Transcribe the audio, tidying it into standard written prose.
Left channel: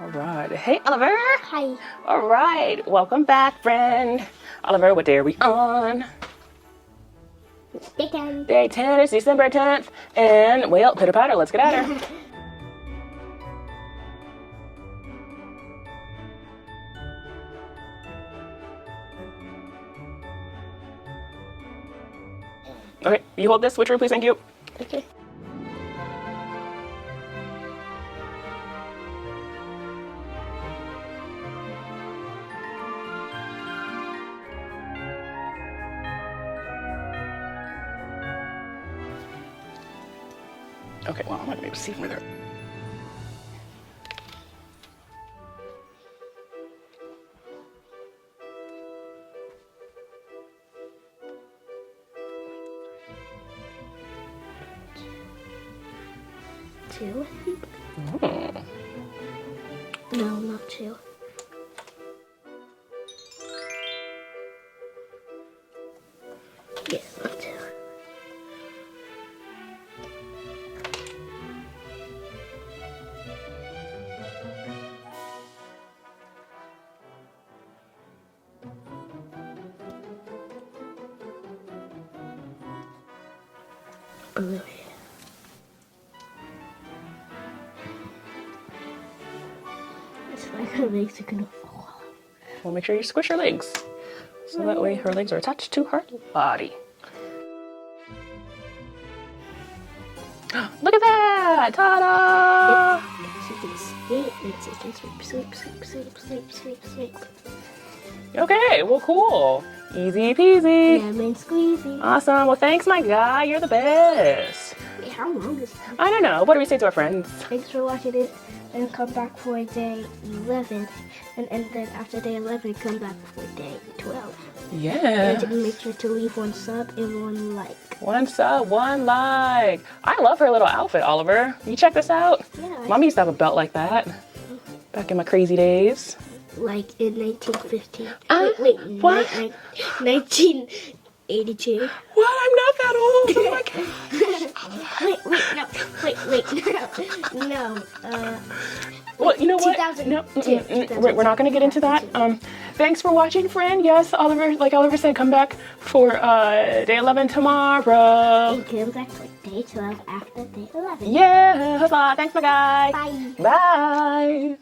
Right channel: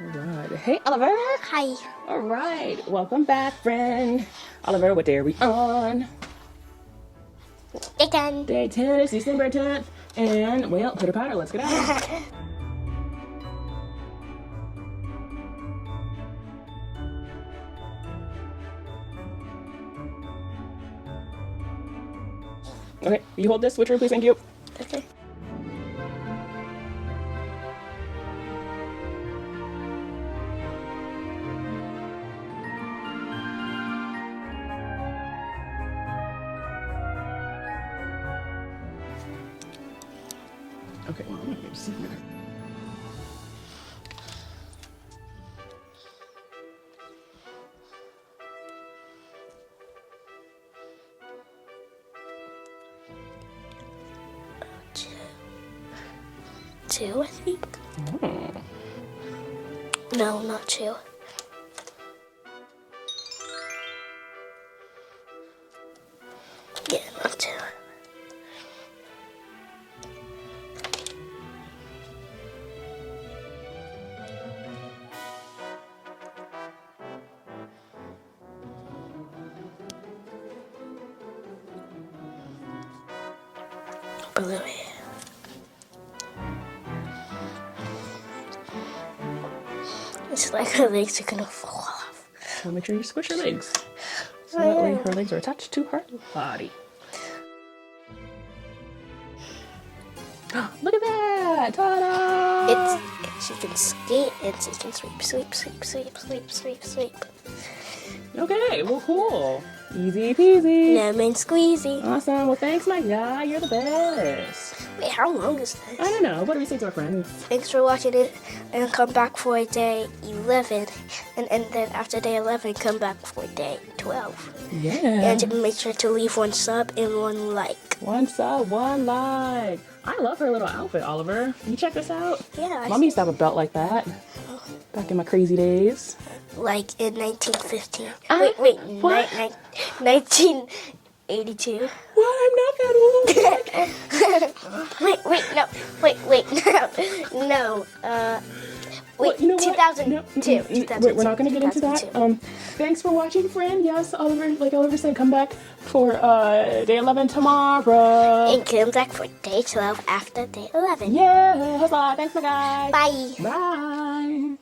All right. Hey, Oliver. Hi. All right. Welcome back, friend. Oliver, what day are we on? Day 10. Day 10. It's December 10th. And, well, pitter patter, let's get at her. Okay, you hold this switcher, please. Thank you. Okay. Okay, well, I'm not gonna be able to see from there. Two, I think. Mm. No, not two. Yeah, not two. Blue. It's like her legs are gonna fall off. So make sure you squish her legs. So that way her legs are attached to her body. Look at that! Ta-da! She can skate and she can sweep, sweep, sweep, sweep, sweep, sweep, sweep. Okay, well, cool. Easy peasy. Lemon squeezy. Awesome. Well, thanks, my guy. You're the best. Wait, how long is that? I don't know. What do we say to our friends? Thanks for watching it, and come back for day 11, and then after day 11, come back for day 12. Yeah. And make sure to leave one sub and one like. One sub, one like. I love her little outfit, Oliver. You check this out? Yeah. Mommy used to have a belt like that back in my crazy days. Like in 1915. What? 1982. What? I'm not that old. Oh my God. No. Well, you know what? 2002. We're not going to get into that. Thanks for watching, friend. Yes, Oliver, like Oliver said, come back for day 11 tomorrow. And come back for day 12 after day 11. Yeah, huzzah. Thanks, my guy. Bye. Bye.